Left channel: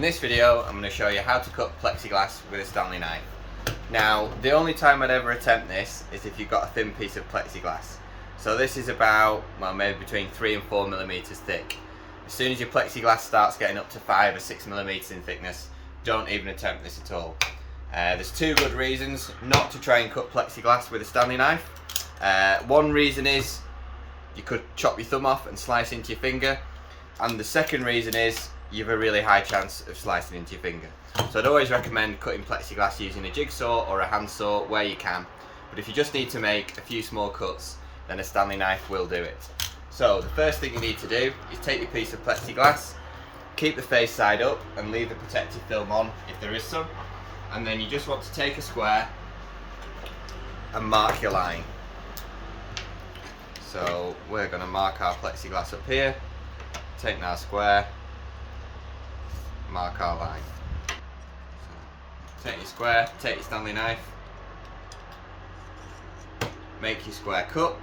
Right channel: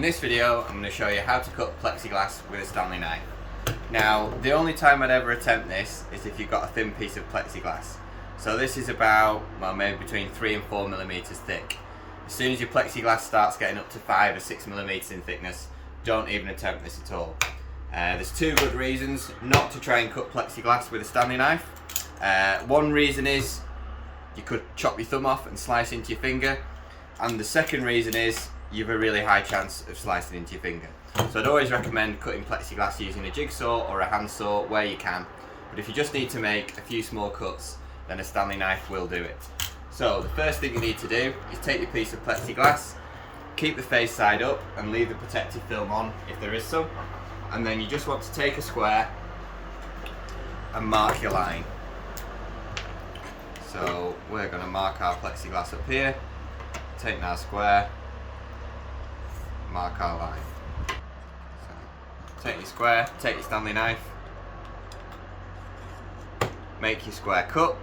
In this video, I'm going to show you how to cut plexiglass with a Stanley knife. Now, the only time I'd ever attempt this is if you've got a thin piece of plexiglass. So this is about, well, maybe between 3 and 4 millimeters thick. As soon as your plexiglass starts getting up to 5 or 6 millimeters in thickness, don't even attempt this at all. There's two good reasons not to try and cut plexiglass with a Stanley knife. One reason is you could chop your thumb off and slice into your finger, and the second reason is you have a really high chance of slicing into your finger. So I'd always recommend cutting plexiglass using a jigsaw or a handsaw where you can, but if you just need to make a few small cuts, then a Stanley knife will do it. So the first thing you need to do is take your piece of plexiglass, keep the face side up and leave the protective film on if there is some, and then you just want to take a square and mark your line. So we're going to mark our plexiglass up here, take our square, mark our line. So take your square, take your Stanley knife, make your square cut.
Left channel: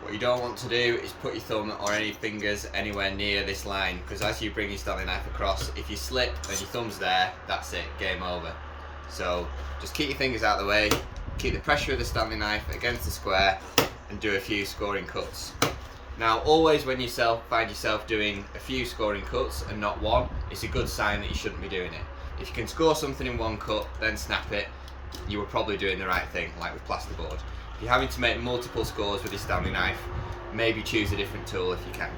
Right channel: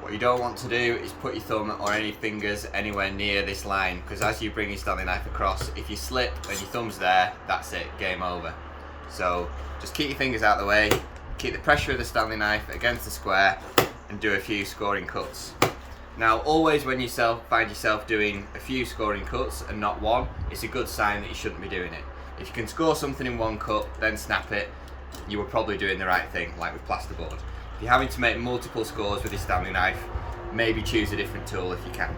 What you don't want to do is put your thumb or any fingers anywhere near this line, because as you bring your Stanley knife across, if you slip and your thumb's there, that's it, game over. So just keep your fingers out of the way, keep the pressure of the Stanley knife against the square and do a few scoring cuts. Now always when you find yourself doing a few scoring cuts and not one, it's a good sign that you shouldn't be doing it. If you can score something in one cut, then snap it, you were probably doing the right thing, like with plasterboard. If you're having to make multiple scores with your Stanley knife, maybe choose a different tool if you can.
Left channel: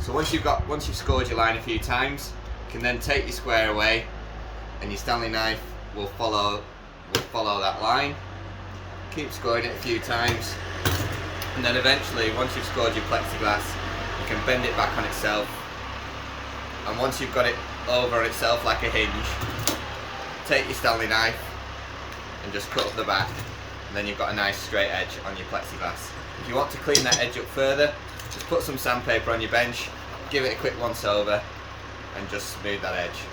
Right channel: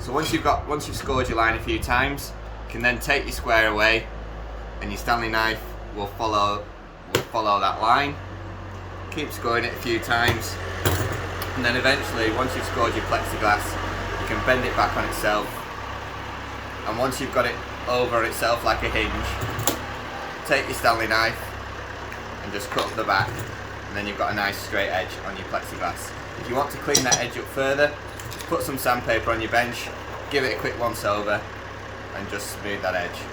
So once you've scored your line a few times, you can then take your square away and your Stanley knife will follow that line. Keep scoring it a few times, and then eventually, once you've scored your plexiglass, you can bend it back on itself, and once you've got it over on itself like a hinge, take your Stanley knife and just cut up the back, and then you've got a nice straight edge on your plexiglass. If you want to clean that edge up further, just put some sandpaper on your bench, give it a quick once over and just smooth that edge.